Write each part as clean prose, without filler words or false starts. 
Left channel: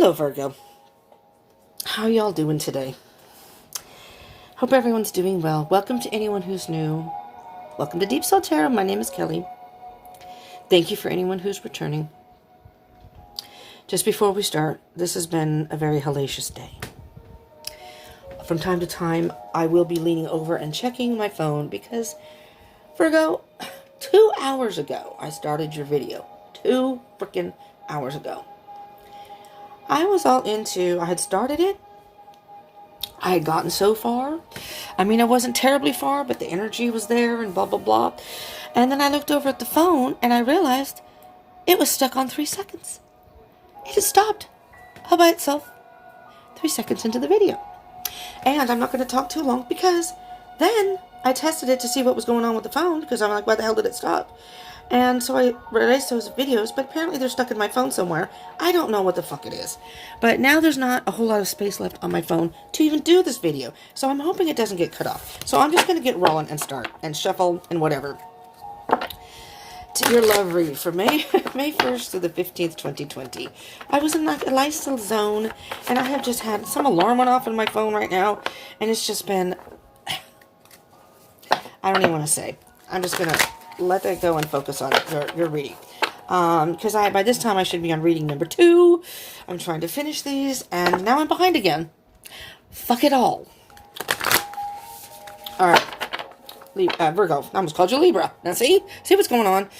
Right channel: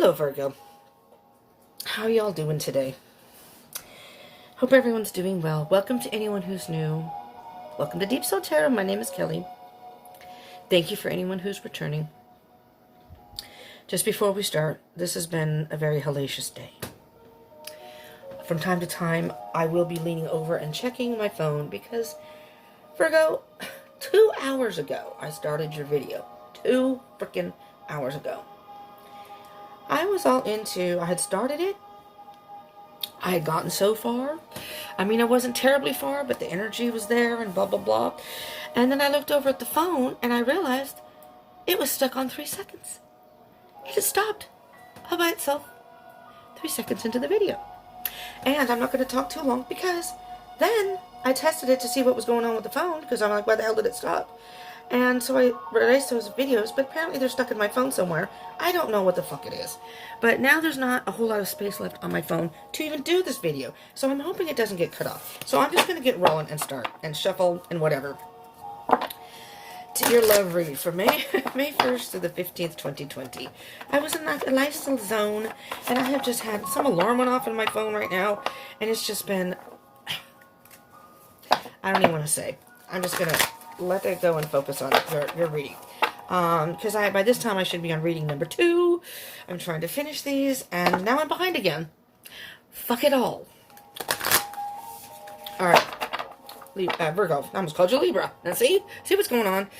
Hello, Virgo. How are y'all doing today? Hope everyone's doing well. Welcome to anyone who's new. Welcome to Deep Soul Tarot. My name is Kelly. Thank you for anyone who's returning. Just before we start, this has been a very hellacious day. From time to time, I will be leaning over and checking my phone because, Virgo, 2 hours ago, I started your video. 2 freaking hours ago. I was all into, I had started it. I had gotten so far. I mean, I wasn't terribly far, but the energy was there and blah, blah, blah. And then I looked over at the phone and I realized it was stuck on 3 seconds. It had stopped all by itself 3 seconds into the video. And I'm not going to talk too long because then I tested it to see what was going on with the phone because I'm like, why the hell did it stop? And so I erased those videos, but apparently they're stuck in my phone somewhere. I don't know what the fuck it is. But now there's not a whole lot of space left on my phone to even do this video. So I'm hoping it doesn't get cut off. So I'm just going to get rolling and start and shuffle and whatever. To your love read for May 1st to the 15th, 2020. I was in a lifestyle zone, and I have just had some alarm went off on my phone right now, and it's just been, I don't even want to say. I'm just going to let that go and focus on your reading. Because by this time I should be on reading number 2. I'm trying to finish these, and now I'm behind again. Fuck it all. Alright. Virgo. I almost called you Libra. Now see what's going on.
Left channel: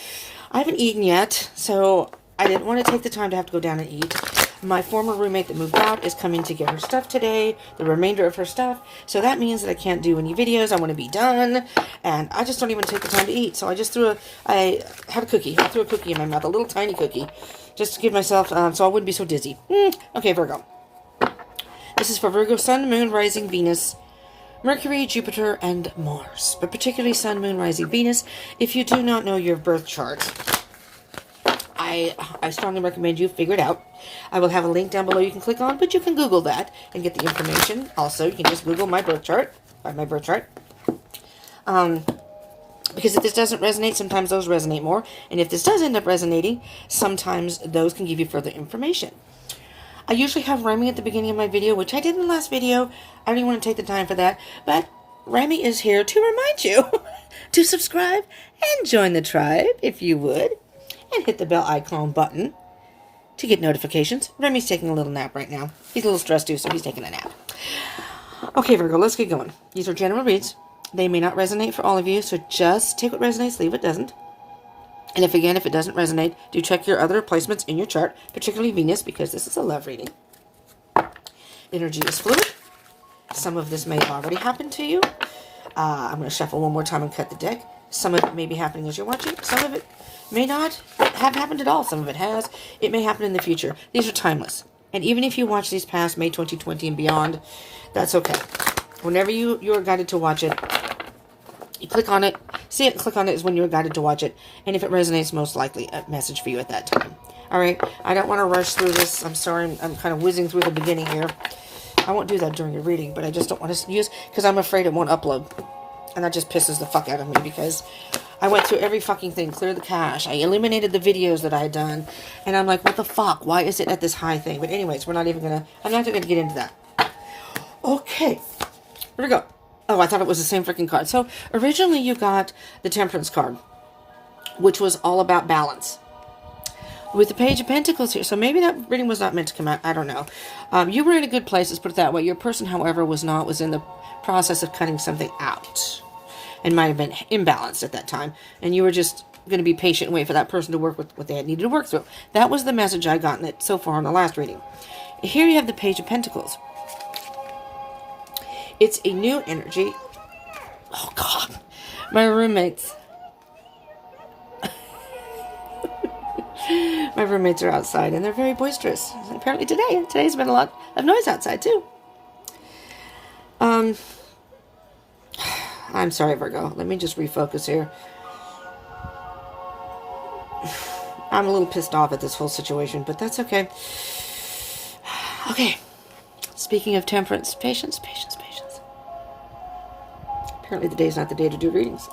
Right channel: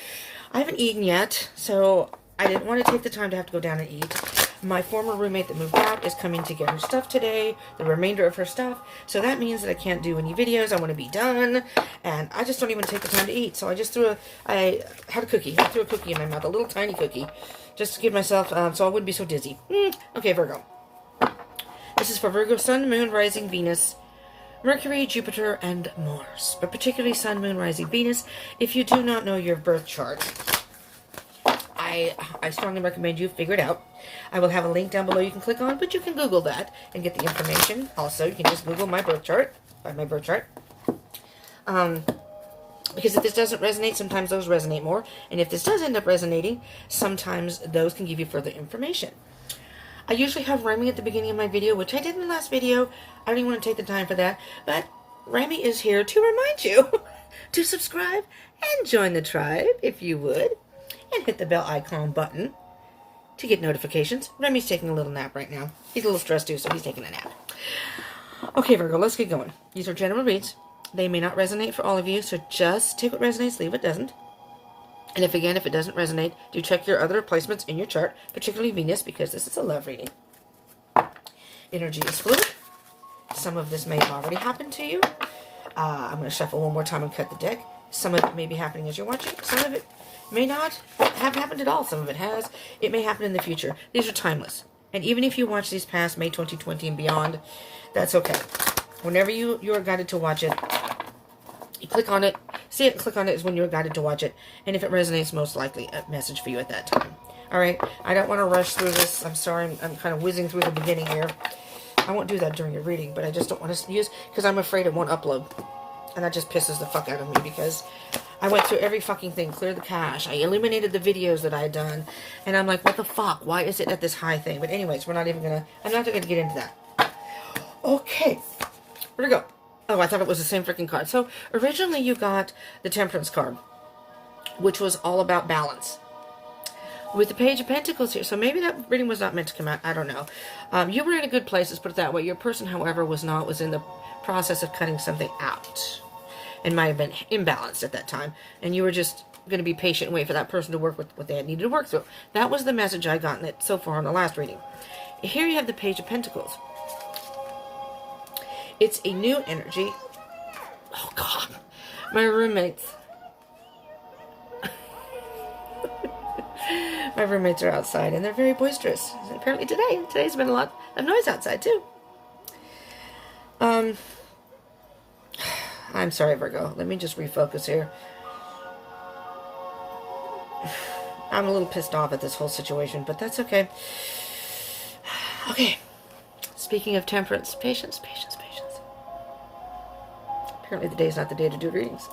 I haven't eaten yet, so I didn't want to take the time to have to go down and eat. My former roommate that moved out is coming to get her stuff today, the remainder of her stuff. So that means that I can't do any videos. I want to be done, and I just don't even take the time to eat. So I just I had a cookie. I threw a cookie in my mouth, a little tiny cookie, just to give myself, so I wouldn't be so dizzy. Okay, Virgo. This is for Virgo, Sun, Moon, Rising, Venus, Mercury, Jupiter, and Mars. But particularly Sun, Moon, Rising, Venus. If you do not know your birth chart, I strongly recommend you figure it out. I will have a link down below you can click on, but you can Google that and get the information. Also, you can just Google my birth chart, because if this doesn't resonate, sometimes those resonate more. And if this does end up resonating, sometimes those can give you further information. I usually have Remy at the beginning of my video, which I did in the last video. I don't even want to take the time for that. But Remy is here to remind you to subscribe and join the tribe, if you would. And hit the bell icon button to get notifications. Remy's taking a little nap right now. He's a little stressed too, so he's taking a nap. Okay, Virgo, let's get going. These are general reads. They may not resonate for all of you, so just take what resonates, leave what doesn't. And if it doesn't resonate, do check your other placements in your chart, particularly Venus, because this is a love reading. Energy is fluid. Some of this may already happen to you. I'm going to shuffle one more time and cut the deck. Some of it may be happening as you're watching. Some of it may not have happened at all. Some of it has. It may happen in the future. These are timeless. And even if you watch these past May 2020 and beyond, that's okay. Whenever you're guided to watch it, you click on it. See it and click on it is when you're guided to watch it. And if it resonates, most likely a message for you at that time. Alright, I don't want to rush through this. I'm sorry, I'm kind of whizzing through the beginning here. I won't do that during your reading, but I just don't want to use, because I'm afraid it won't upload. And that just pisses the fuck out of me, because I went through every fucking thing, cleared the cache, I eliminated the videos that I had done, and I'm like, what the fuck? Why is it at this high thing? But anyways, I'm not even going to get into that. Okay, where'd it go? Oh, I thought it was the same freaking card. So, originally you got the Temperance card, which was all about balance. With the Page of Pentacles here, so maybe that reading was not meant to come out, I don't know. You were in a good place, let's put it that way. Your person, however, was in the process of cutting something out. And might have been imbalanced at that time. And you were just going to be patient and wait for that person to work with what they had needed to work through. That was the message I got in it so far in the last reading. Here you have the Page of Pentacles. It's a new energy. Oh, God. My roommates. My roommates are outside, and they're very boisterous. And apparently today's been a lot of noise outside, too. I'm sorry, Virgo. Let me just refocus here. I'm a little pissed off at this whole situation, but that's okay. Okay. Speaking of temperance, patience, patience, patience. Apparently the day's not the day to do readings.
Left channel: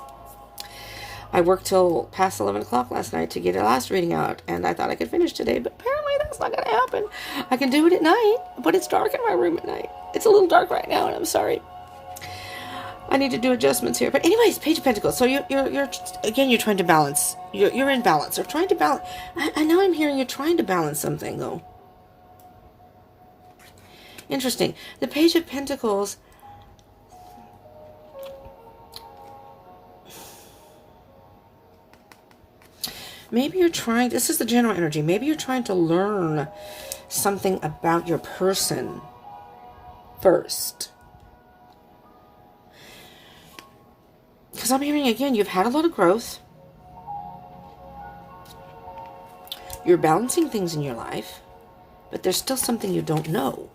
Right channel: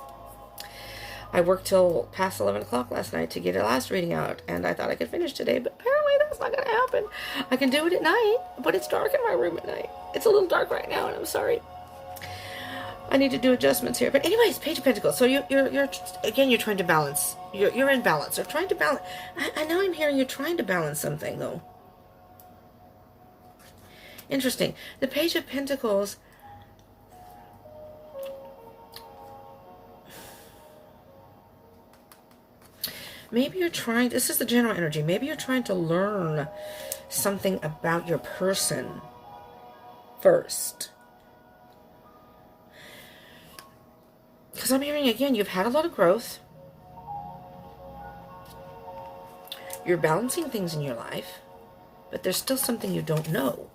I worked till past 11 o'clock last night to get a last reading out, and I thought I could finish today, but apparently that's It's not going to happen. I can do it at night, but it's dark in my room at night. It's a little dark right now, and I'm sorry. I need to do adjustments here. But anyways, Page of Pentacles. So you're again, you're trying to balance. You're in balance. You're trying to balance. I know I'm hearing you're trying to balance something, though. Interesting. The Page of Pentacles. Maybe you're trying, this is the general energy. Maybe you're trying to learn something about your person first. Because I'm hearing again, you've had a lot of growth. You're balancing things in your life, but there's still something you don't know.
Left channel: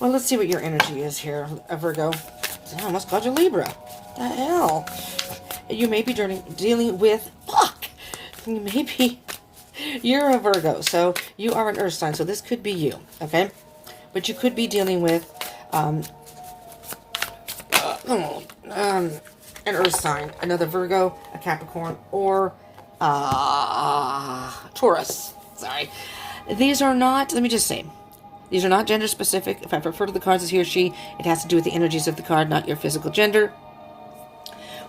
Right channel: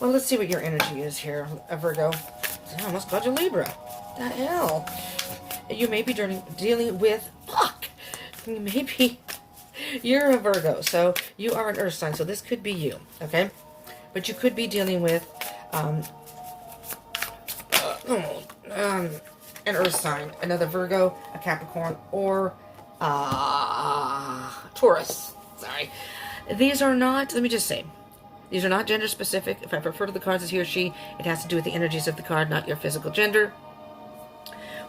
Well, let's see what your energy is here, Virgo. I almost called you Libra. The hell? You may be dealing with, maybe you're a Virgo, so you are an earth sign, so this could be you, okay? But you could be dealing with an earth sign, another Virgo, a Capricorn, or Taurus. Sorry. These are not, let me just say, these are not gender specific. If I refer to the cards as he or she, it has to do with the energies of the card, not your physical gender.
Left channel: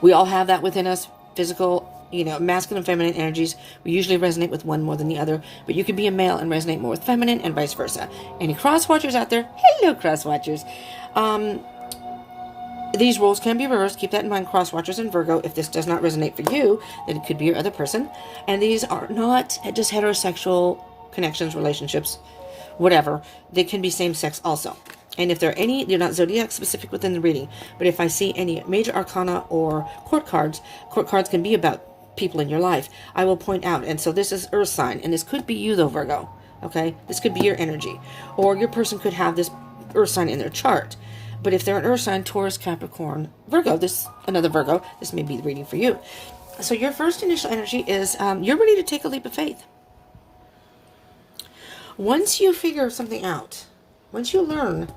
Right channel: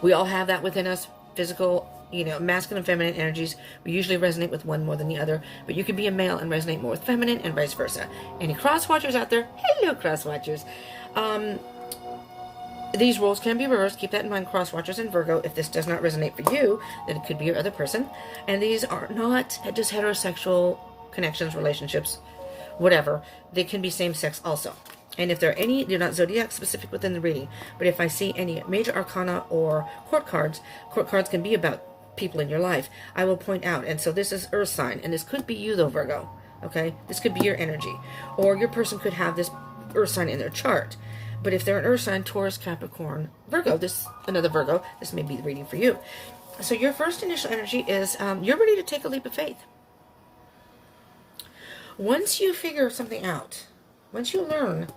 We all have that within us, physical, masculine and feminine energies. We usually resonate with one more than the other, but you could be a male and resonate more with feminine and vice versa. Any cross watchers out there? Hello, cross watchers. These roles can be reversed. Keep that in mind, cross watchers and Virgo. If this does not resonate for you, then it could be your other person. And these are not just heterosexual connections, relationships, whatever. They can be same-sex also. And if there are any, they're not zodiac specific within the reading, but if I see any major arcana or court cards can be about people in your life, I will point out. And so this is earth sign, and this could be you though, Virgo, okay? This could be your energy. Or your person could have this earth sign in their chart. But if they're an earth sign, Taurus, Capricorn, Virgo, another Virgo, this may be the reading for you. So your first initial energy is you're ready to take a leap of faith. Once you figure something out, once you learn,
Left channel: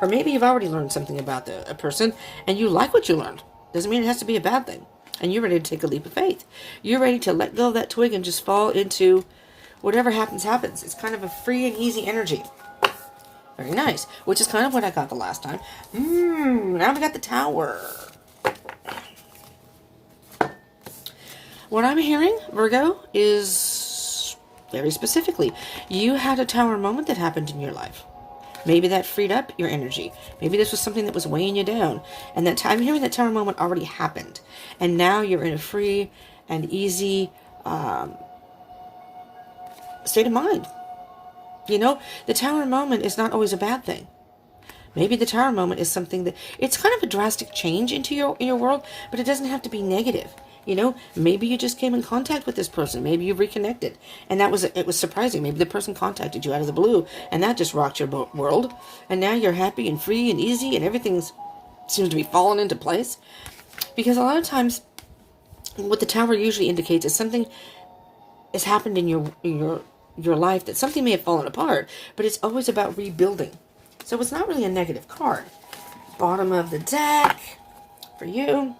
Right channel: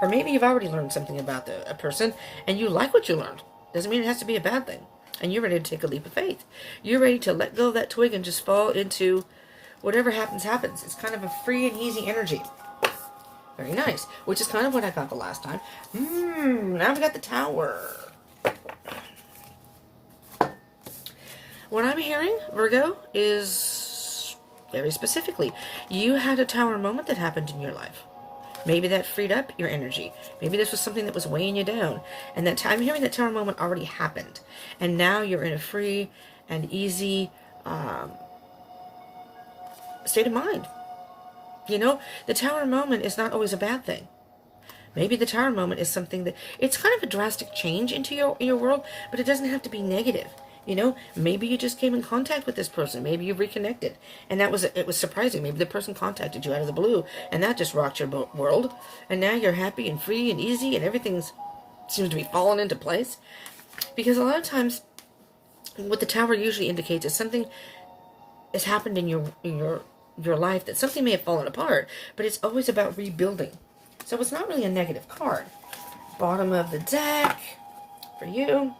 or maybe you've already learned something about a person, and you like what you learned. Doesn't mean it has to be a bad thing. And you're ready to take a leap of faith. You're ready to let go of that twig and just fall into whatever happens, happens. It's kind of a free and easy energy. Very nice. Which is kind of what I got the last time. Now we got the Tower. What I'm hearing, Virgo, is very specifically, you had a Tower moment that happened in your life. Maybe that freed up your energy. Maybe this was something that was weighing you down. And that I'm hearing that Tower moment already happened. And now you're in a free and easy state of mind. The Tower moment is not always a bad thing. Maybe the Tower moment is something that, it's kind of a drastic change in your world, but it doesn't have to be negative. Maybe you just came in contact with this person. Maybe you reconnected. And it was surprising. Maybe the person contacted you out of the blue, and that just rocked your world. And now you're happy and free and easy, and everything seems to be falling into place. Because a lot of times, what the Tower usually indicates is something has happened in your life, that something may have fallen apart, but it's always about rebuilding. So it's not really a negative card. Bottom of the deck for you.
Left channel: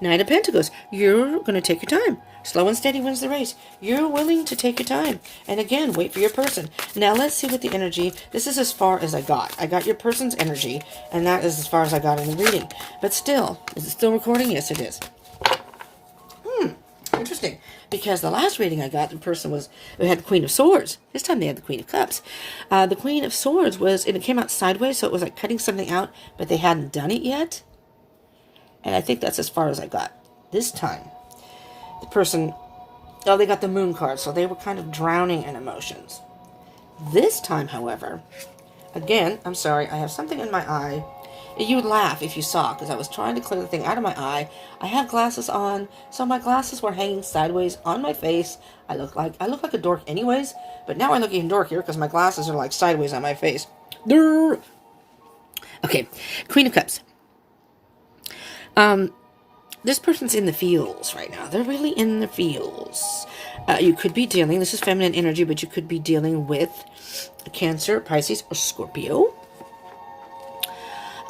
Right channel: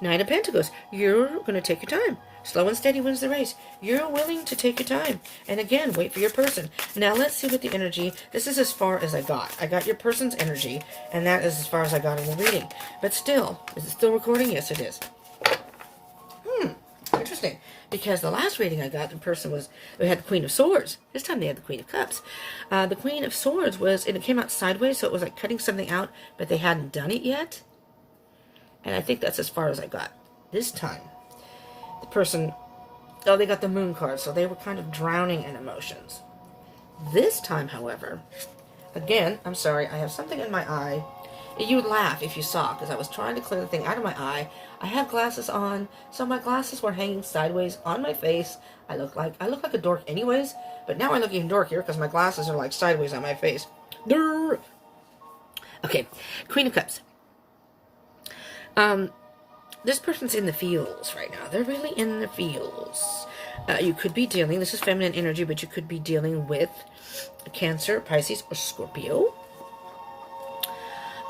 Knight of Pentacles. You're going to take your time. Slow and steady wins the race. You're willing to take your time. And again, wait for your person. Now let's see what the energy, this is as far as I got. I got your person's energy, and that is as far as I got in the reading. But still, is it still recording? Yes, it is. Interesting. Because the last reading I got, the person had the Queen of Swords. This time they had the Queen of Cups. The Queen of Swords and it came out sideways, so it was like cutting something out, but they hadn't done it yet. And I think that's as far as I got. This time, the person, they got the Moon card, so they were kind of drowning in emotions. This time, however, again, I'm sorry, I have something in my eye. You would laugh if you saw, because I was trying to clear the thing out of my eye. I had glasses on, so my glasses were hanging sideways on my face. I look like a dork anyways, but now I look even dorkier because my glasses are like sideways on my face. Okay, Queen of Cups. This person's in the feels right now. They're really in the feels. You could be dealing, this is feminine energy, but you could be dealing with Cancer, Pisces, or Scorpio.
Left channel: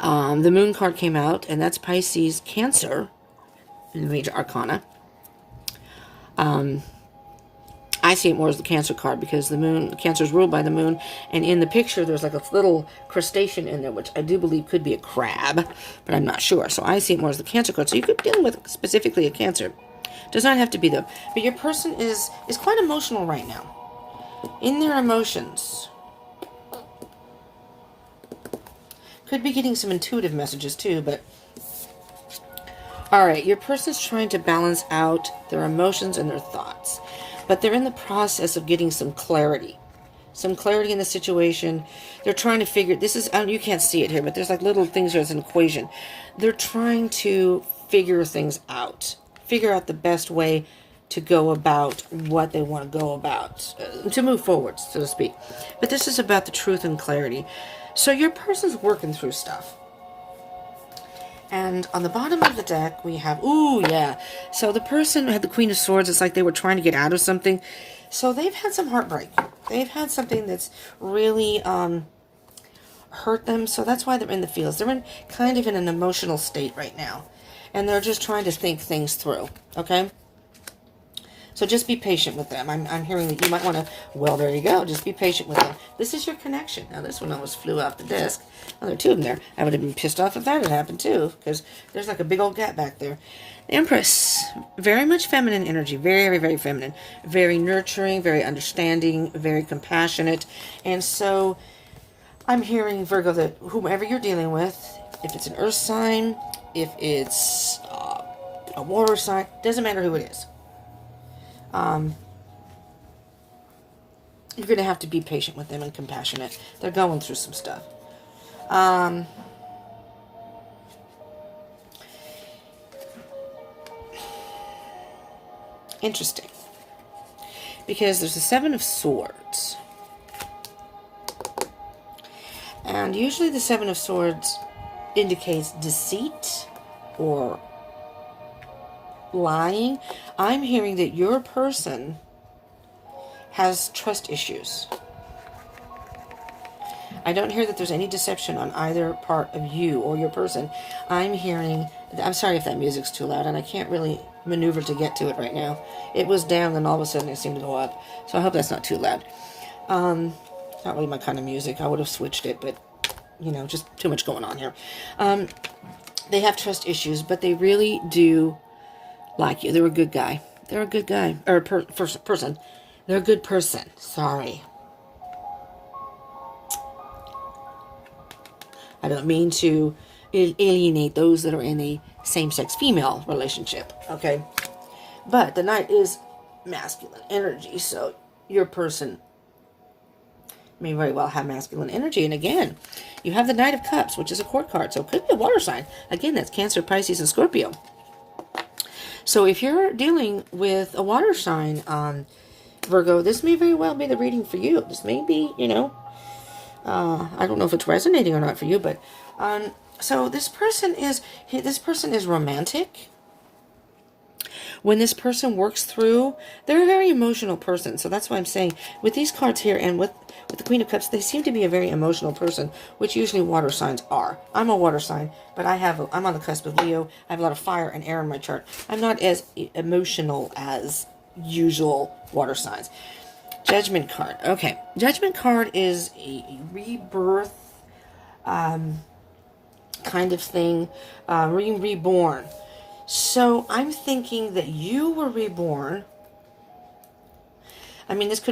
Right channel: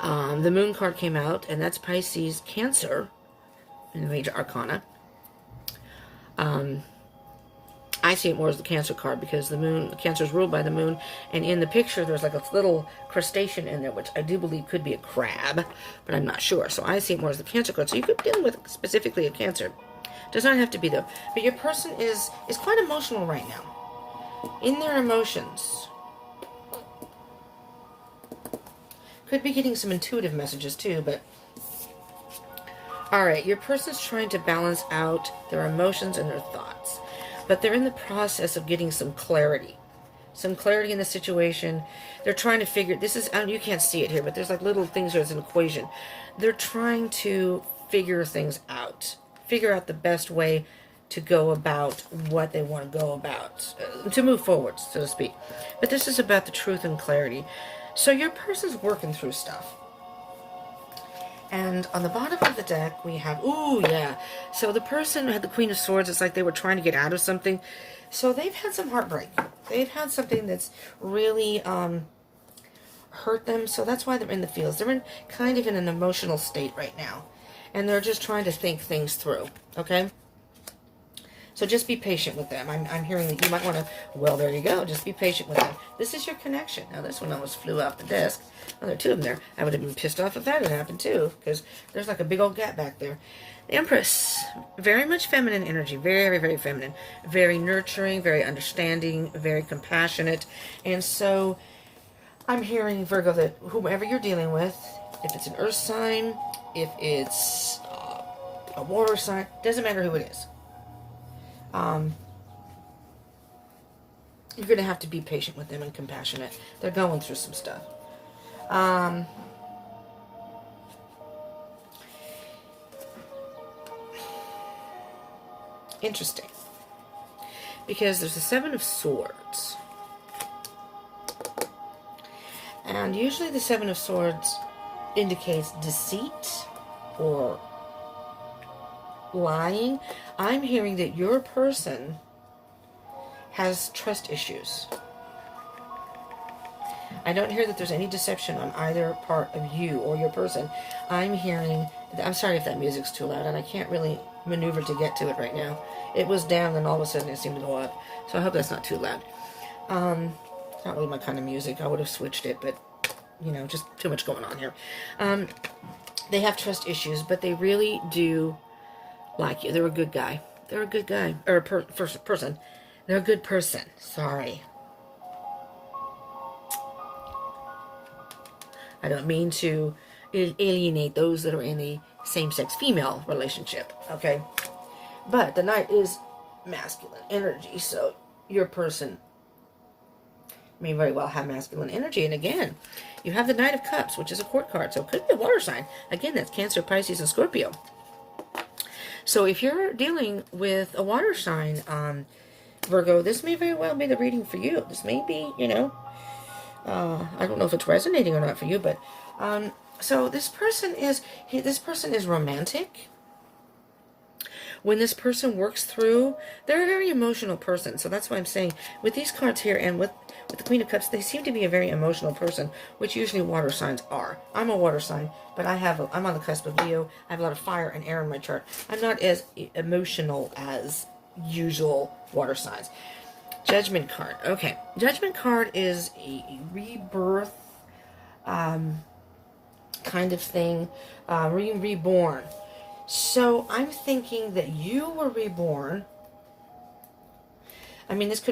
The Moon card came out, and that's Pisces, Cancer, in the major arcana. I see it more as the Cancer card because the moon, Cancer is ruled by the moon. And in the picture, there's like a little crustacean in there, which I do believe could be a crab, but I'm not sure. So I see it more as the Cancer card. So you could be dealing with specifically a Cancer. Does not have to be though. But your person is quite emotional right now. In their emotions. Could be getting some intuitive messages too, but alright, your person's trying to balance out their emotions and their thoughts. But they're in the process of getting some clarity. Some clarity in the situation. They're trying to figure, this is, you can't see it here, but there's like little things, there's an equation. They're trying to figure things out. Figure out the best way to go about what they want to go about. To move forward, so to speak. But this is about the truth and clarity. So your person's working through stuff. And on the bottom of the deck, we have, ooh, yeah. So the person had the Queen of Swords. It's like they were trying to get out of something. So they've had some heartbreak. They've had something that's really hurt them. So that's why they're in the fields. They're in kind of in an emotional state right now. And they're just trying to think things through. Okay? So just be patient with them. I'm hearing that you might want to, well, there you go. Just be patient with them. This is your connection. Now, this one almost flew off the disc. Well, there are two of them there. I would have been pissed off if that had happened, too, because there's like a big old gap back there. The Empress, very much feminine energy. Very, very, very feminine. Very nurturing, very understanding, very compassionate. And so I'm hearing, Virgo, that whomever you're dealing with, if it's an earth sign, if it's a water sign, doesn't matter who it is. You're going to have to be patient with them and compassionate. They're going through some stuff. Interesting. Because there's the Seven of Swords. And usually the Seven of Swords indicates deceit or lying. I'm hearing that your person has trust issues. I don't hear that there's any deception on either part of you or your person. I'm hearing, I'm sorry if that music's too loud, and I can't really maneuver to get to it right now. It was down, and all of a sudden it seemed to go up. So I hope that's not too loud. It's not really my kind of music. I would have switched it, but, you know, just too much going on here. They have trust issues, but they really do like you. They're a good guy. They're a good guy. Or a person. They're a good person. Sorry. I don't mean to alienate those that are in a same-sex female relationship. Okay? But the Knight is masculine energy. So your person may very well have masculine energy. And again, you have the Knight of Cups, which is a court card. So it could be a water sign. Again, that's Cancer, Pisces, and Scorpio. So if you're dealing with a water sign, Virgo, this may very well be the reading for you. This may be, you know, I don't know if it's resonating or not for you, but so this person is romantic. When this person works through, they're a very emotional person. So that's why I'm saying with these cards here and with the Queen of Cups, they seem to be a very emotional person, which usually water signs are. I'm a water sign, but I'm on the cusp of Leo. I have a lot of fire and air in my chart. I'm not as emotional as usual water signs. Judgment card. Okay. Judgment card is a rebirth kind of thing. Reborn. So I'm thinking that you were reborn. I mean, this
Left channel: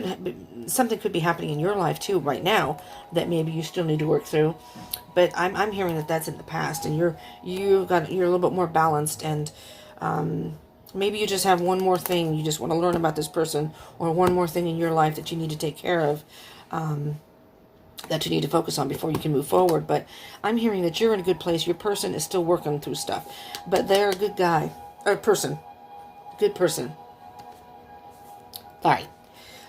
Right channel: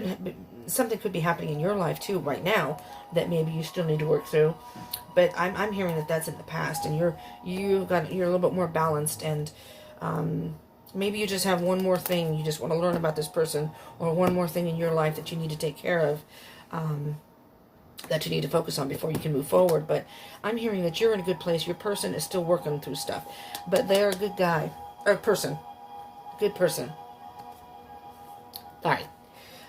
something could be happening in your life too right now that maybe you still need to work through. But I'm hearing that that's in the past, and you're a little bit more balanced, and maybe you just have one more thing you just want to learn about this person, or one more thing in your life that you need to take care of, that you need to focus on before you can move forward. But I'm hearing that you're in a good place. Your person is still working through stuff, but they're a good guy, or person, good person. All right.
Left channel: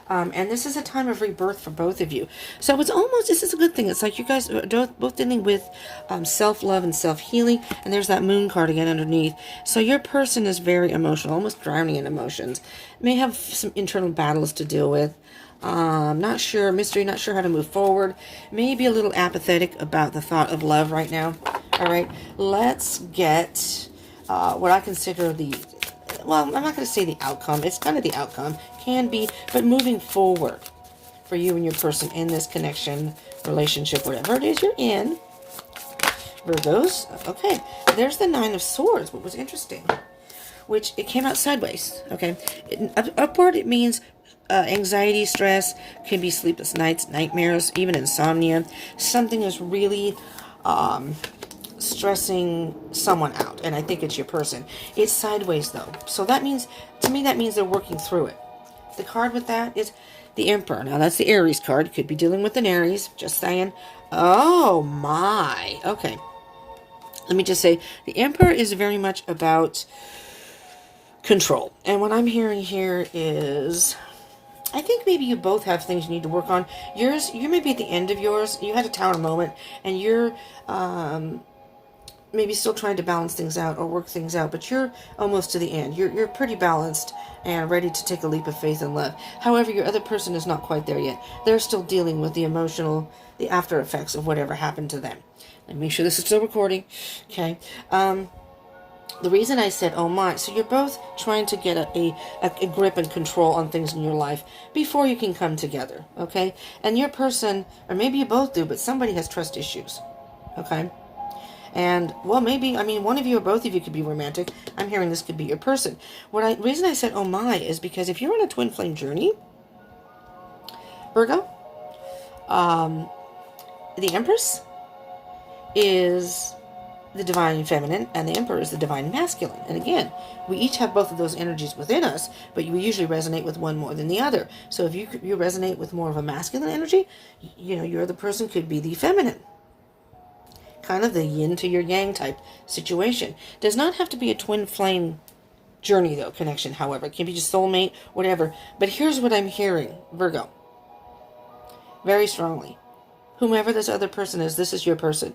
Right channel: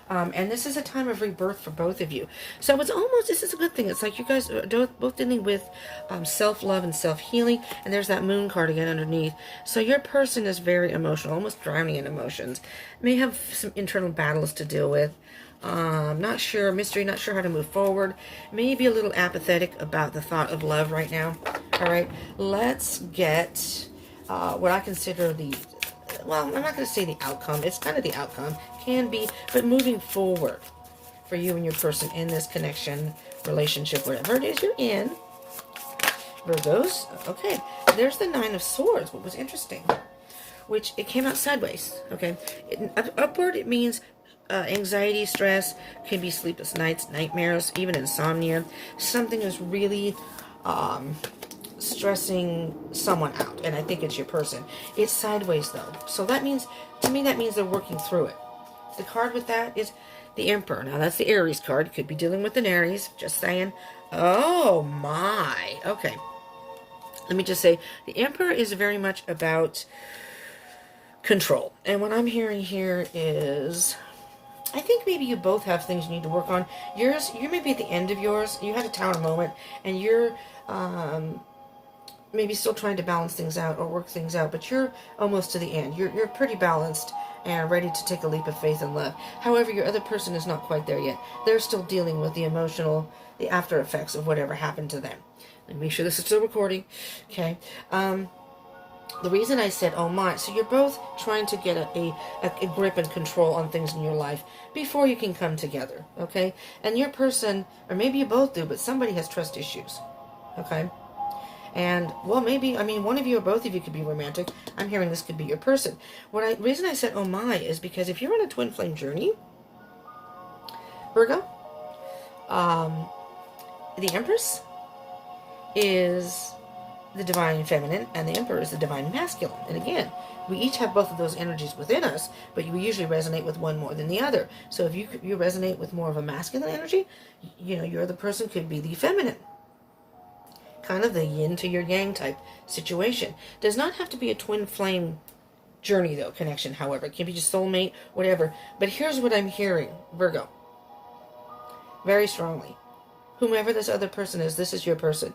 And this is a time of rebirth for both of you. So it's almost, this is a good thing. It's like you guys are both dealing with self-love and self-healing. And there's that moon card again underneath. So your person is very emotional, almost drowning in emotions. May have some internal battles to deal with. Not sure, mystery, not sure how to move forward. Maybe a little apathetic about the thought of love right now. All right, let's get what I consider the well, I'm not going to say the outcome. It's kind of the outcome. Can be, but moving forward for you and your person in this connection, relationship, whatever it is you're in. Virgos. Okay, there's the Nine of Swords, what was interesting. Which, it came out sideways, okay? Upward, it means anxiety, stress, can be sleepless nights, nightmares, even insomnia. Something is really stressing someone out, and I think it's your person. It's sideways, though. So that means, to me, that means they're working through it. The card with that is the Emperor. Now, that's the Aries card. Could be dealing with an Aries. Just saying. Oh, my. Okay. Let me just say, the Emperor is very much about control. And what I'm hearing here is, I think maybe you both have things you need to work on. Yours, you may be at the end of yours. You had a tower moment, and you're maybe still trying to balance things out or work things out, but you're almost to the end. You're pretty balanced and ready to take a leap of faith and love. However, your other person is not quite there yet. They're still dealing with the emotional, the after effects of whatever happened to them. Let me make sure this is still recording. Okay. The reason I said, oh my, so you're both trying to get a grip and control on things in your life before you can come together, okay? And your person, or maybe you both do, but somebody has trust issues, okay? And, well, maybe, I mean, one of you or both of you could be romantic. I'm hearing this could be your person. The reason I said, oh my, is because if you're on a twin flame journey, Virgo, the Empress is the divine feminine, and the Emperor is the divine masculine. And again, we each have both of those energies within us, but we usually resonate with one more than the other. So if you resonate with more of a masculine energy, you know, your other person could be the feminine. Kind of the yin to your yang type situation. Does not have to be a twin flame journey, though, connection, however. It can be just soulmate, whatever. But here's what I'm hearing, Virgo. Very strongly. Whomever this other person is, this is your person.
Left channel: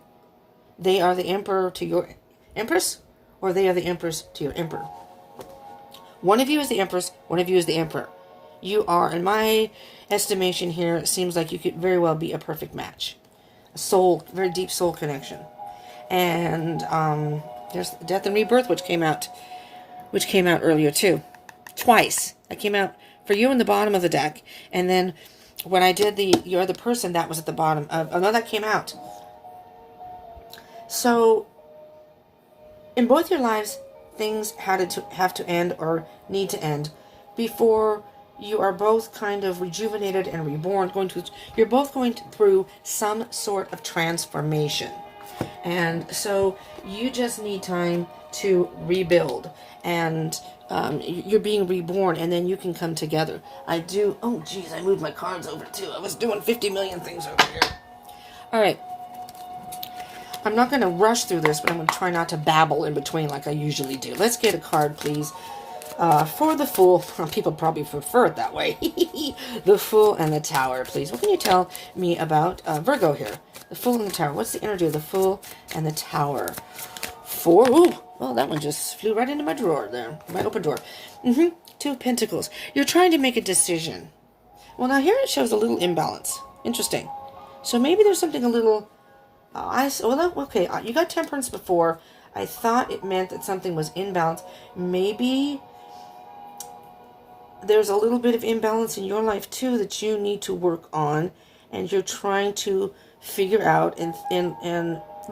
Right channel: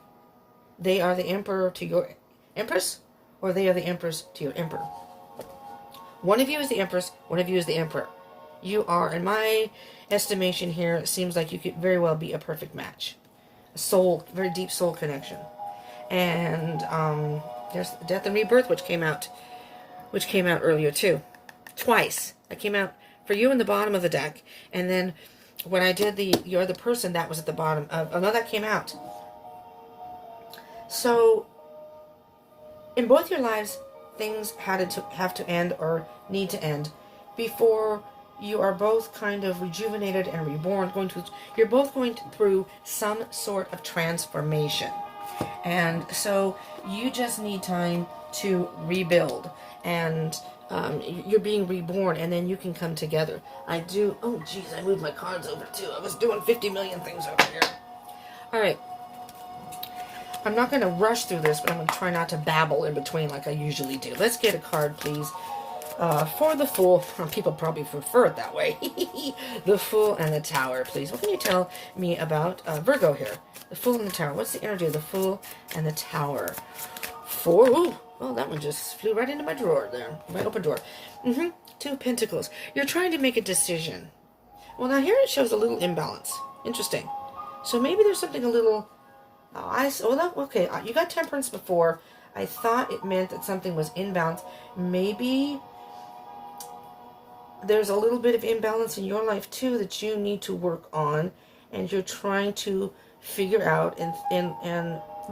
They are the Emperor to your Empress, or they are the Empress to your Emperor. One of you is the Empress, one of you is the Emperor. You are, in my estimation here, it seems like you could very well be a perfect match. A soul, very deep soul connection. And there's Death and Rebirth, which came out earlier too. Twice. That came out for you in the bottom of the deck. And then when I did your other person, that was at the bottom. No, that came out. So, in both your lives, things have to end or need to end before you are both kind of rejuvenated and reborn. You're both going through some sort of transformation. And so, you just need time to rebuild. And you're being reborn, and then you can come together. Oh, geez, I moved my cards over, too. I was doing 50 million things over here. All right. I'm not going to rush through this, but I'm going to try not to babble in between like I usually do. Let's get a card, please. For the Fool. Well, people probably prefer it that way. The Fool and the Tower, please. What can you tell me about Virgo here? The Fool and the Tower. What's the energy of the Fool and the Tower? Ooh, well, that one just flew right into my drawer there. My open drawer. Two of Pentacles. You're trying to make a decision. Well, now here it shows a little imbalance. Interesting. So maybe there's something a little... okay, you got Temperance before. I thought it meant that something was imbalanced. Maybe there's a little bit of imbalance in your life, too, that you need to work on. And you're trying to figure out and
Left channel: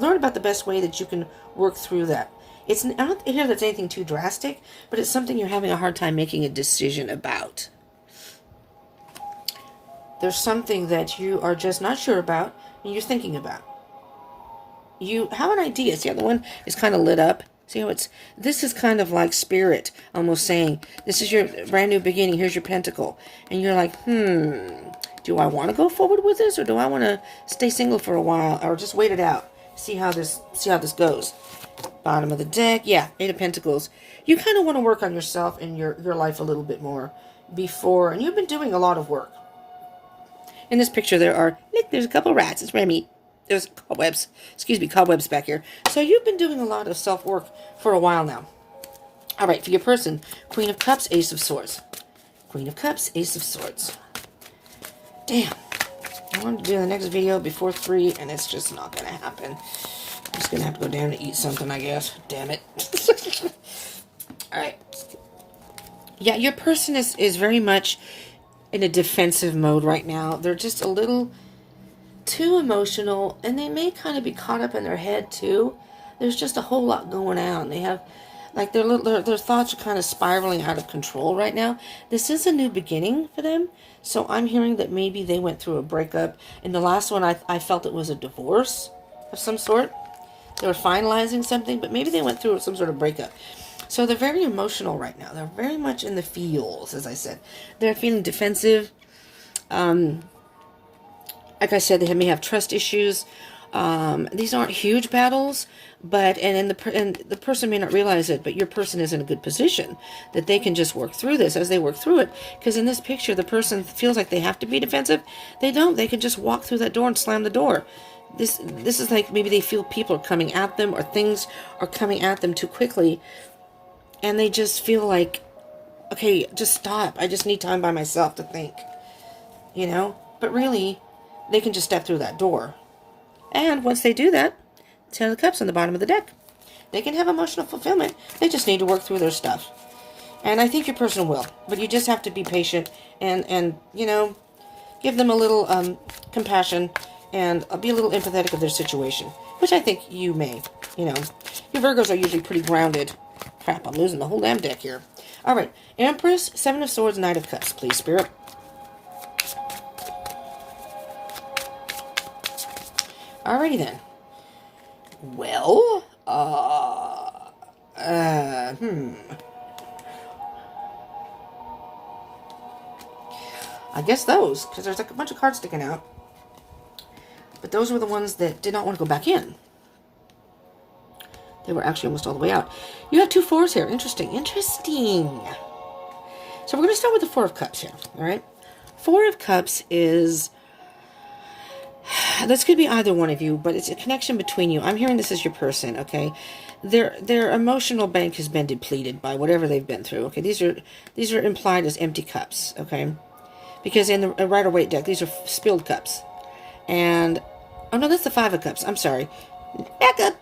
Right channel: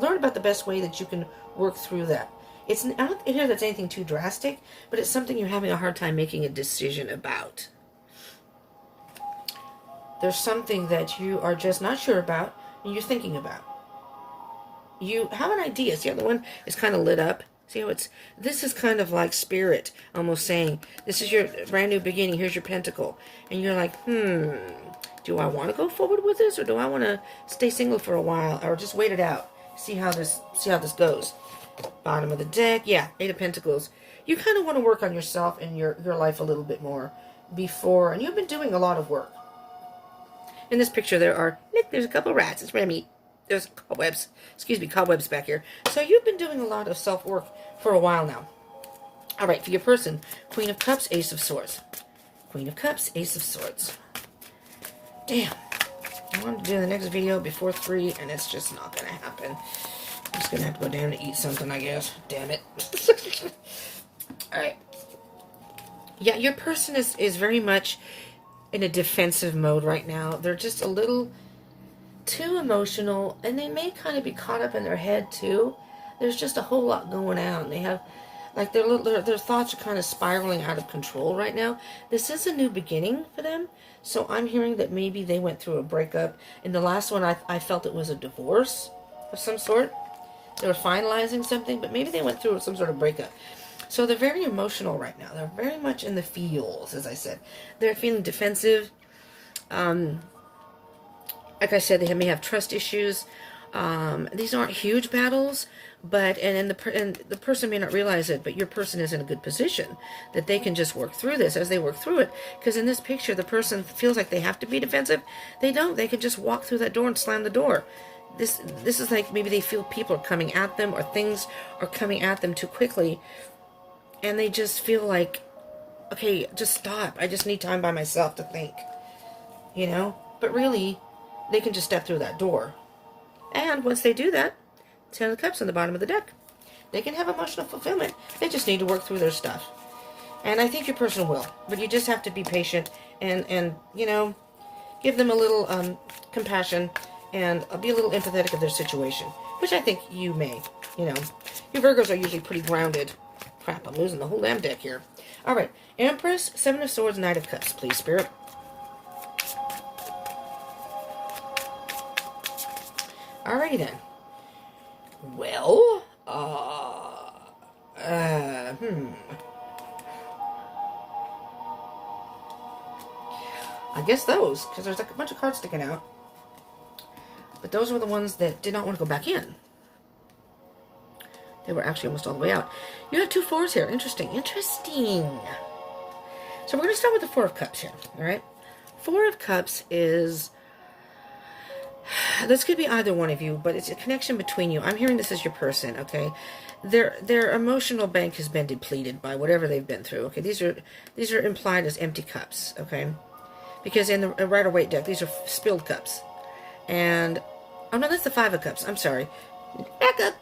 learn about the best way that you can work through that. I don't hear that's anything too drastic, but it's something you're having a hard time making a decision about. There's something that you are just not sure about and you're thinking about. You have an idea. See how the one is kind of lit up? See how this is kind of like spirit almost saying, this is your brand new beginning. Here's your pentacle. And you're like, do I want to go forward with this, or do I want to stay single for a while, or just wait it out? See how this goes. Bottom of the deck. Yeah, Eight of Pentacles. You kind of want to work on yourself and your life a little bit more before, and you've been doing a lot of work. In this picture there's a couple of rats. It's Remy. There's cobwebs. Cobwebs back here. So you've been doing a lot of self-work for a while now. All right, for your person, Queen of Cups, Ace of Swords. Queen of Cups, Ace of Swords. Damn. I wanted to do the next video before 3, and it's just not going to happen. I'm just going to have to go down and eat something, I guess. Damn it. All right. Yeah, your person is very much in a defensive mode right now. They're just a little too emotional, and they may kind of be caught up in their head too. There's just a whole lot going on. They have, like, their thoughts are kind of spiraling out of control right now. This is a new beginning for them, so I'm hearing that maybe they went through a breakup. In the last one, I felt it was a divorce of some sort. They were finalizing something, but maybe they went through some sort of breakup. So they're very emotional right now. They're very much in the feels, as I said. They're feeling defensive. Like I said, they may have trust issues. These aren't huge battles, but and the person may not realize it, but your person is in a good position that they can just work through this as they work through it. Because in this picture, the person feels like they have to be defensive. They don't. They can just walk through that door and slam the door. This is like maybe they feel people are coming at them or things are coming at them too quickly, and they just feel like, okay, just stop. I just need time by myself to think, you know. But really, they can just step through that door. And once they do that, 10 of Cups on the bottom of the deck. They can have emotional fulfillment. They just need to work through their stuff. And I think your person will. But you just have to be patient and you know, give them a little compassion and be a little empathetic of their situation. Which I think you may, you know. Your Virgos are usually pretty grounded. Crap, I'm losing the whole damn deck here. Alright, Empress, 7 of Swords, Knight of Cups, please, Spirit. Alrighty then. Well, I guess those, because there's like a bunch of cards sticking out. But those were the ones that did not want to go back in. They were actually almost all the way out. You have 2 4s here. Interesting. Interesting. So we're going to start with the 4 of Cups here. Alright? 4 of Cups is... This could be either one of you, but it's a connection between you. I'm hearing this is your person, okay? Their emotional bank has been depleted by whatever they've been through. Okay, these are implied as empty cups, okay? Because in the Rider-Waite deck, these are spilled cups. And oh no, that's the 5 of Cups. I'm sorry. Back up.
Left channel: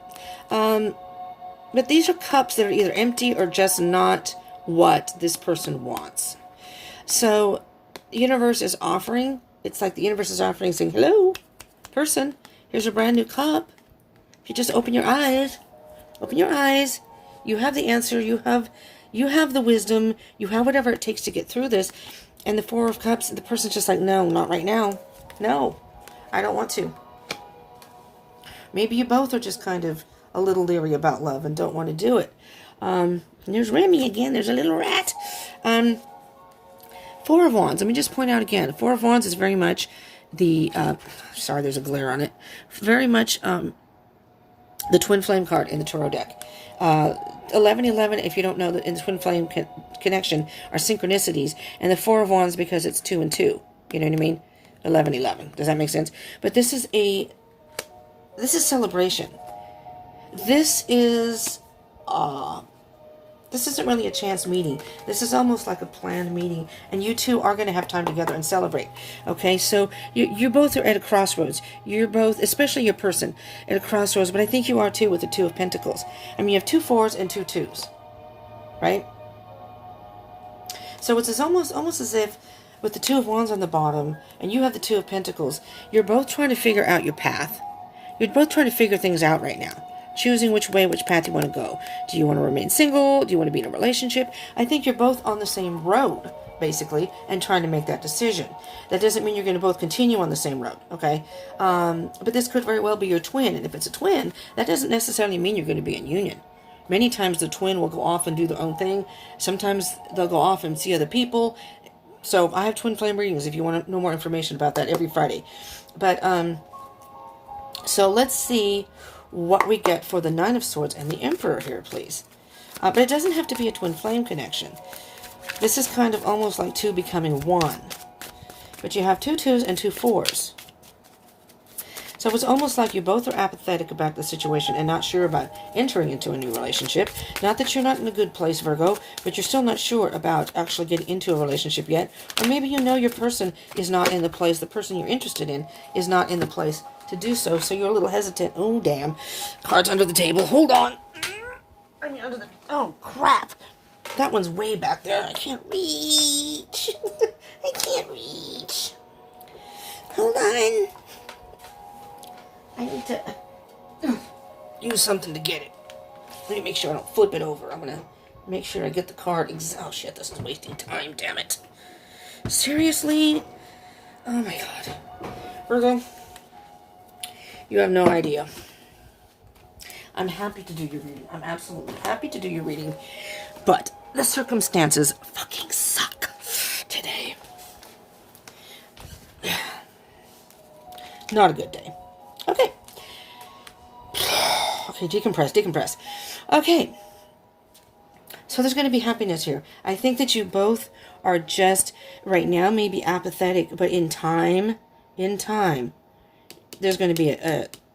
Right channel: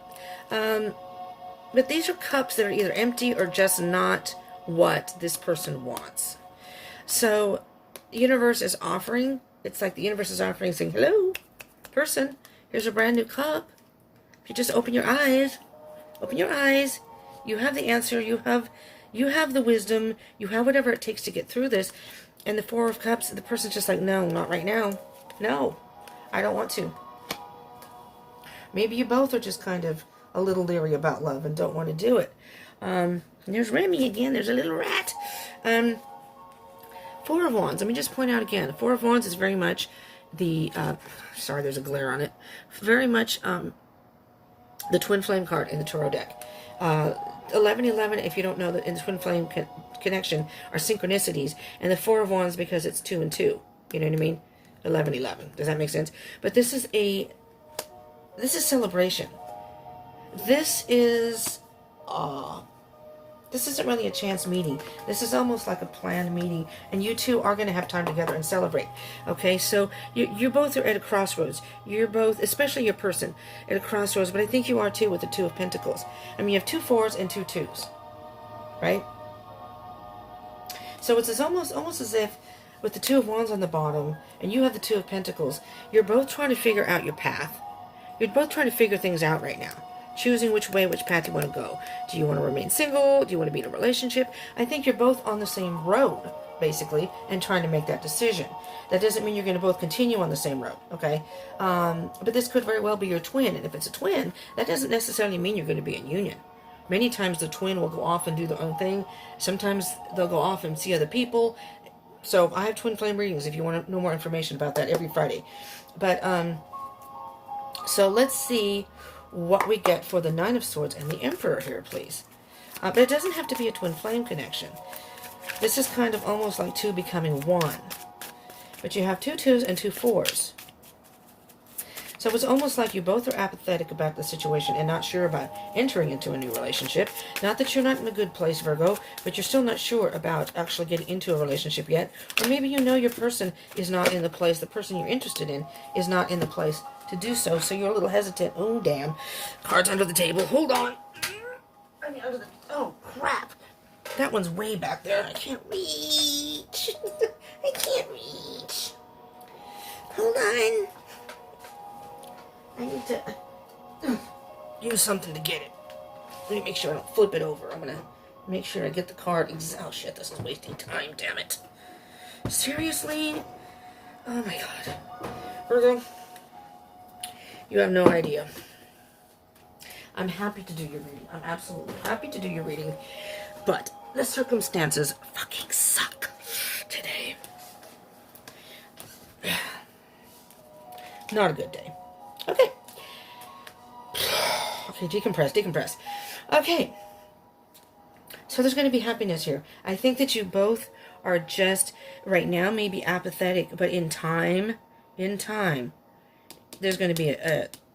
But these are cups that are either empty or just not what this person wants. So the universe is offering. It's like the universe is offering, saying, hello, person, here's a brand new cup. If you just open your eyes, you have the answer, you have the wisdom, you have whatever it takes to get through this. And the 4 of Cups, the person's just like, no, not right now. No, I don't want to. Maybe you both are just kind of a little leery about love and don't want to do it. There's Remy again, there's a little rat. 4 of Wands, let me just point out again, 4 of Wands is very much the, sorry, there's a glare on it, very much the Twin Flame card in the Tarot deck. 1111, if you don't know, in the Twin Flame connection, are synchronicities, and the 4 of Wands because it's 2 and 2, you know what I mean? 1111, does that make sense? But this is celebration. This isn't really a chance meeting. This is almost like a planned meeting, and you two are going to have time together and celebrate. Okay, so you both are at a crossroads. You're both, especially your person, at a crossroads, but I think you are too with the 2 of Pentacles. I mean, you have 2 4s and 2 2s, right? So it's almost as if with the 2 of Wands on the bottom, and you have the 2 of Pentacles, you're both trying to figure out your path. You're both trying to figure things out right now. Choosing which path you want to go. Do you want to remain single? Do you want to be in a relationship? I think you're both on the same road, basically, and trying to make that decision. That doesn't mean you're going to both continue on the same road, okay? But this could very well be your twin, and if it's a twin, that doesn't necessarily mean you're going to be in union. Many times the twin will go off and do their own thing. Sometimes they'll go off and see other people. So I have twin flame readings if you want to know more information about that every Friday. But, so let's see what we get for the 9 of Swords and the Emperor here, please. But it doesn't have to be a twin flame connection. This is kind of almost like 2 becoming 1. But you have 2 2s and 2 4s. So it's almost like you both are apathetic about the situation and not sure about entering into a new relationship. Not that you're not in a good place, Virgo, but you're still not sure about actually getting into a relationship yet. Or maybe you know your person is not in the place, the person you're interested in is not in the place to do so, so you're a little hesitant. Oh, damn. Cards under the table. Hold on. Oh, crap. That one's way back there. I can't reach. I can't reach. Hold on. I need to use something to get it. Let me make sure I don't flip it over. I'm going to make sure I get the card. Oh, shit. This is wasting time. Damn it. Seriously? Oh, my God. Virgo, you have no idea. I'm happy to do your reading. I'm absolutely happy to do your reading. But the circumstances fucking suck today. Not a good day. Okay. Okay, decompress. Okay. So there's going to be happiness here. I think that you both are just, right now, maybe apathetic, but in time, there's going to be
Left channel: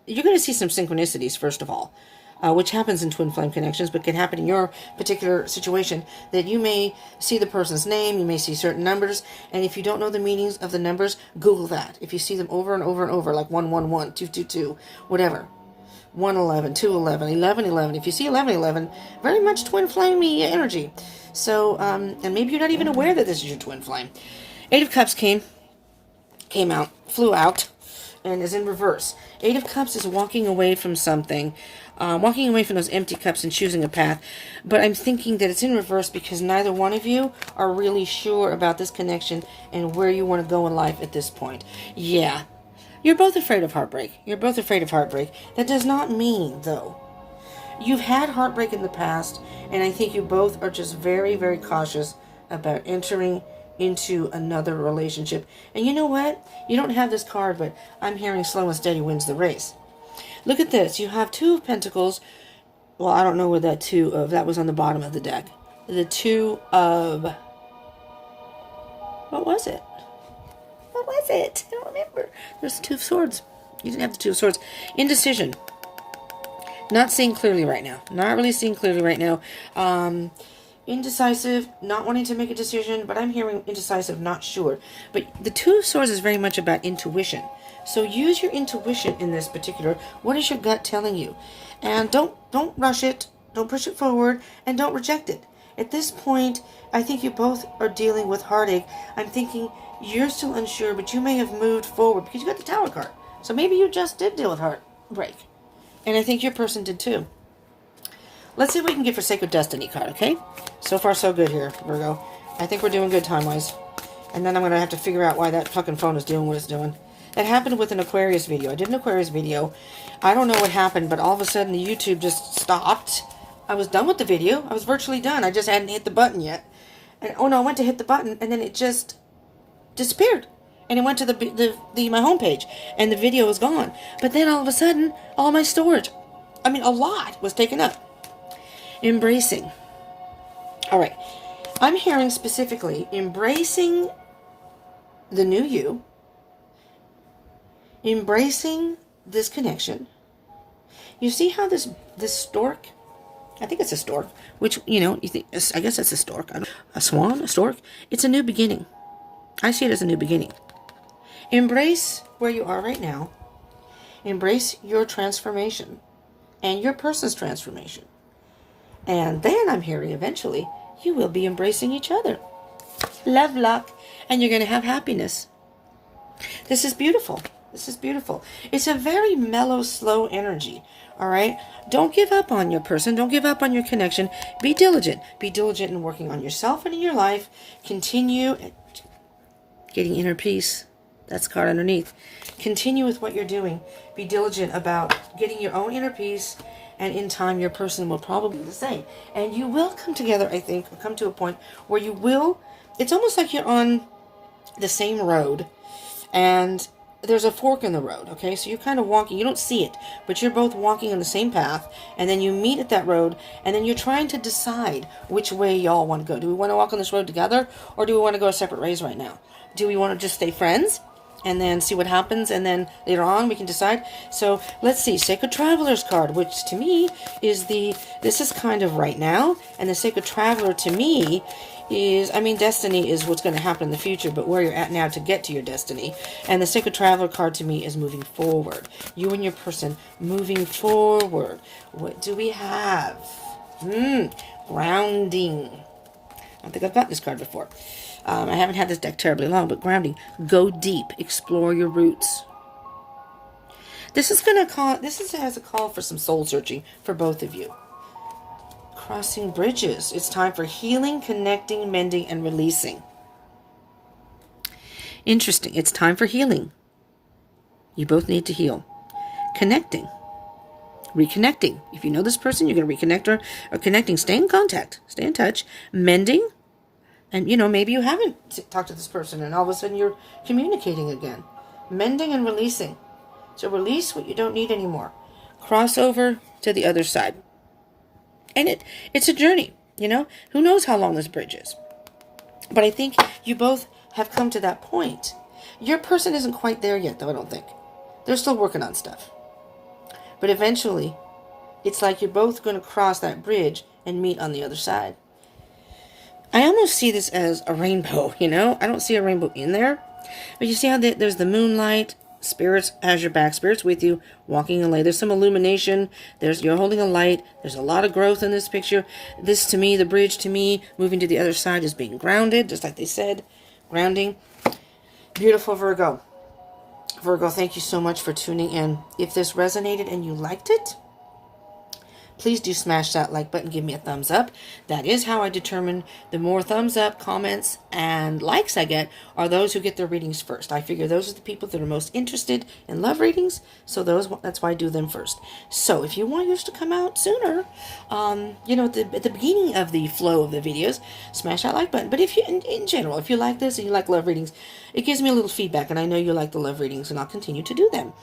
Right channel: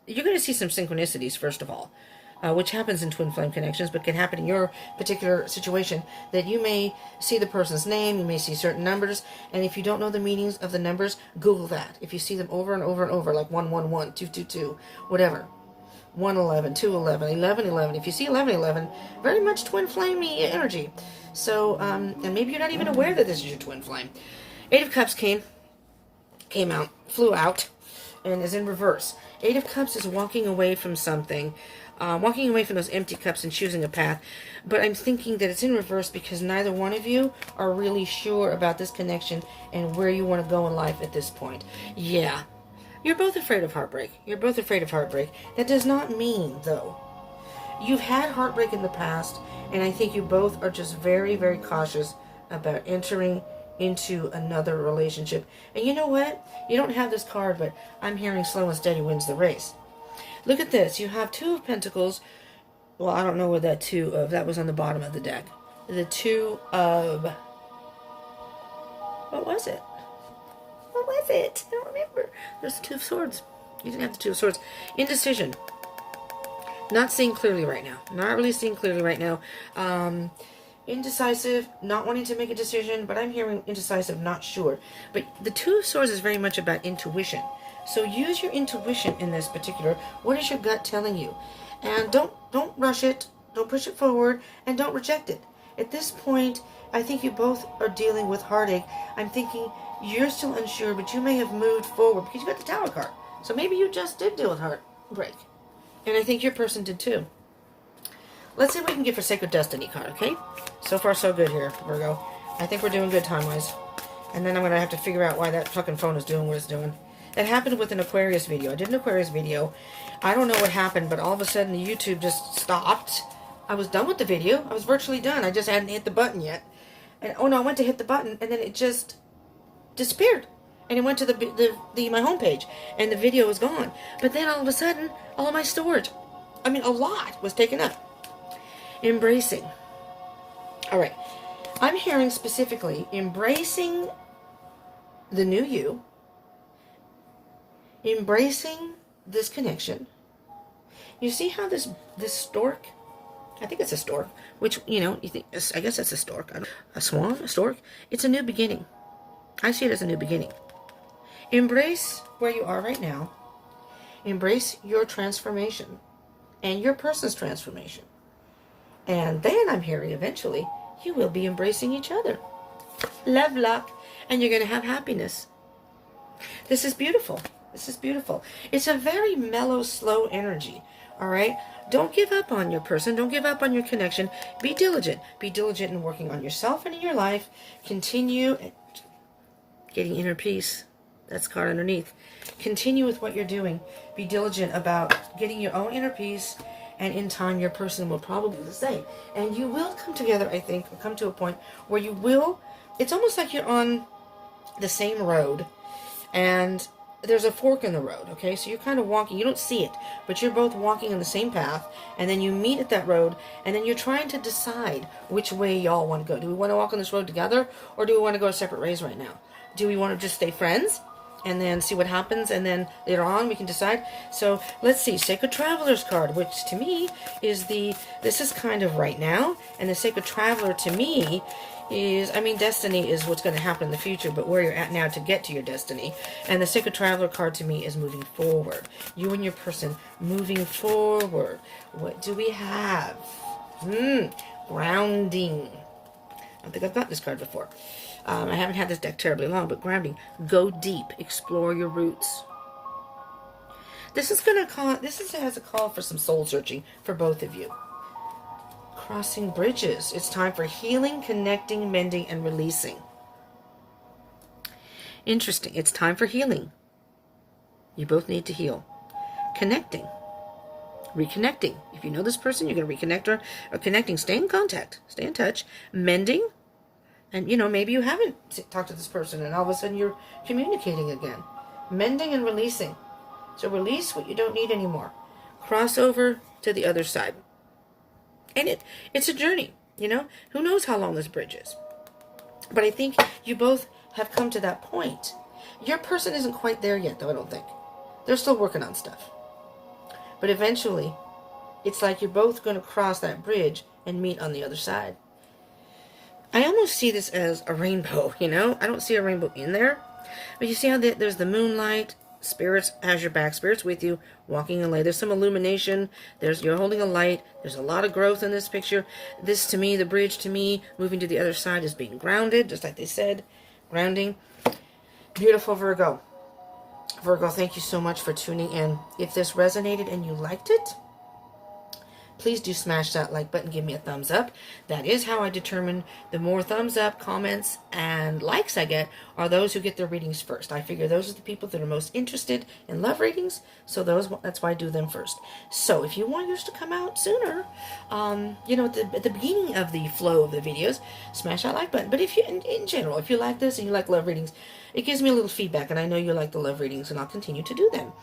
you're going to see some synchronicities, first of all, which happens in twin flame connections, but can happen in your particular situation, that you may see the person's name, you may see certain numbers, and if you don't know the meanings of the numbers, Google that. If you see them over and over and over, like 111, 222, whatever, 111, 211, 1111. If you see 1111, very much twin flame energy. So, and maybe you're not even aware that this is your twin flame. Eight of Cups came out, flew out, and is in reverse. Eight of Cups is walking away from something, walking away from those empty cups and choosing a path. But I'm thinking that it's in reverse because neither one of you are really sure about this connection and where you want to go in life at this point. Yeah. You're both afraid of heartbreak. That does not mean, though, you've had heartbreak in the past, and I think you both are just very, very cautious about entering into another relationship. And you know what? You don't have this card, but I'm hearing slow and steady wins the race. Look at this. You have Two of Pentacles. Well, I don't know where that Two of... That was on the bottom of the deck. The Two of... What was it? I don't remember. There's the Two of Swords. You didn't have the Two of Swords. Indecision. Not seeing clearly right now. Not really seeing clearly right now. Indecisive, not wanting to make a decision, but I'm hearing indecisive, not sure. But the Two of Swords is very much about intuition. So use your intuition in this particular. What is your gut telling you? And don't rush it. Don't push it forward, and don't reject it. At this point, I think you both are dealing with heartache. I'm thinking you're still unsure, but you may have moved forward because you got the Tower card. So maybe you just did deal with heartbreak. And I think your person did too. Let's see what we can get for Sacred Destiny card, okay? So far, so good here, Virgo. I think we're doing good time-wise. And then I'm going to have to figure out why that fucking phone is doing what it's doing. That happened with an Aquarius video. I did an Aquarius video. I don't know what happened, but all of a sudden the YouTube just stopped. I was done with the video. I was virtually done. I just hadn't hit the button yet. And, oh no, I went to hit the button, and then it just disappeared. And it went to my homepage, and the video was gone. But then all of a sudden, all my storage, I mean, a lot was taken up. Embracing. All right. I'm hearing specifically embracing the new you, embracing this connection. You see how this stork, I think it's a stork, which, you know, you think, I guess it's a stork. A swan, a stork. It's a new beginning. I see it as a new beginning. Embrace where you are right now. Embrace your transformation and your person's transformation. And then I'm hearing eventually you will be embracing each other. Love, luck, and you're going to have happiness. This is beautiful. This is beautiful. It's a very mellow, slow energy. All right? Don't give up on your person. Don't give up on your connection. Be diligent. Be diligent in working on yourself and in your life. Continue getting inner peace. That's card underneath. Continue with what you're doing. Be diligent about getting your own inner peace. And in time, your person will probably be the same. And you will come together, I think, come to a point where you will, it's almost like you're on the same road. And there's a fork in the road, okay? So you're kind of walking. You don't see it, but you're both walking on the same path. And then you meet at that road. And then you're trying to decide which way y'all want to go. Do we want to walk on this road together? Or do we want to go separate ways right now? Do we want to just stay friends? And then see what happens, and then later on we can decide. So let's see, Sacred Traveler's card, which to me is this is kind of right now, and the Sacred Traveler to me is, I mean, destiny is what's going to happen in the future, but where you're at now to get to your destiny. And the Sacred Traveler card to me is moving forward. You and your person moving forward. What do we have? Grounding. don't think I've gotten this card before. I haven't had this deck terribly long, but grounding. Go deep. Explore your roots. This is has a call for some soul searching for both of you. Crossing bridges. It's time for healing, connecting, mending, and releasing. Interesting. It's time for healing. You both need to heal. Connecting. Reconnecting. If you know this person, you're going to reconnect her. Or connecting. Stay in contact. Stay in touch. Mending. And, maybe you haven't talked to this person and all of a sudden you're communicating again. Mending and releasing. So release what you don't need anymore. Cross over to the other side. And it's a journey, Who knows how long this bridge is. But I think you both have come to that point. Your person isn't quite there yet, though, I don't think. They're still working on stuff. But eventually, it's like you're both going to cross that bridge and meet on the other side. I almost see this as a rainbow, I don't see a rainbow in there. But you see how there's the moonlight, spirits has your back, spirits with you, walking in light. There's some illumination. You're holding a light. There's a lot of growth in this picture. This, to me, the bridge to me, moving to the other side is being grounded, just like they said. Grounding. Beautiful, Virgo. Virgo, thank you so much for tuning in. If this resonated and you liked it, please do smash that like button, give me a thumbs up. That is how I determine the more thumbs up, comments, and likes I get are those who get their readings first. I figure those are the people that are most interested in love readings, so that's why I do them first. So if you want yours to come out sooner, at the beginning of the flow of the videos, smash that like button. But if you, in general, if you like this and you like love readings, it gives me a little feedback, and I know you like the love readings, and I'll continue to do them.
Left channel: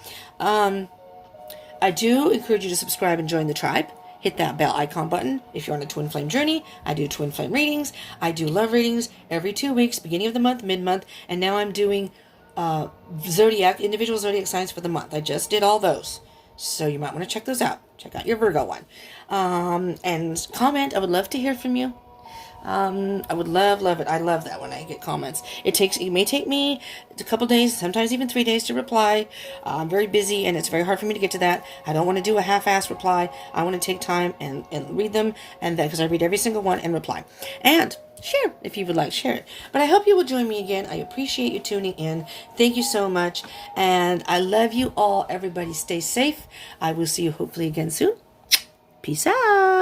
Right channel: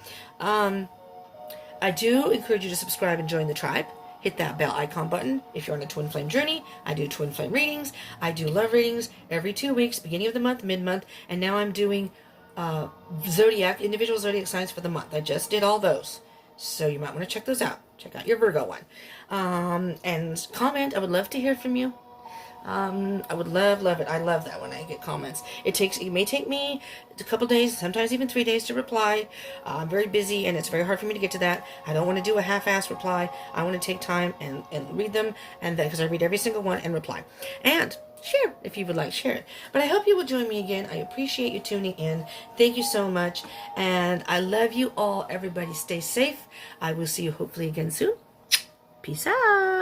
I do encourage you to subscribe and join the tribe. Hit that bell icon button if you're on a twin flame journey. I do twin flame readings. I do love readings every 2 weeks, beginning of the month, mid-month, and now I'm doing individual zodiac signs for the month. I just did all those, so you might want to check those out. Check out your Virgo one. And comment. I would love to hear from you. I would love it. I love that when I get comments. It may take me a couple days, sometimes even 3 days to reply. I'm very busy and it's very hard for me to get to that. I don't want to do a half-assed reply. I want to take time and read them, and then because I read every single one and reply. And share if you would like, share it. But I hope you will join me again. I appreciate you tuning in. Thank you so much. And I love you all. Everybody stay safe. I will see you hopefully again soon. Peace out.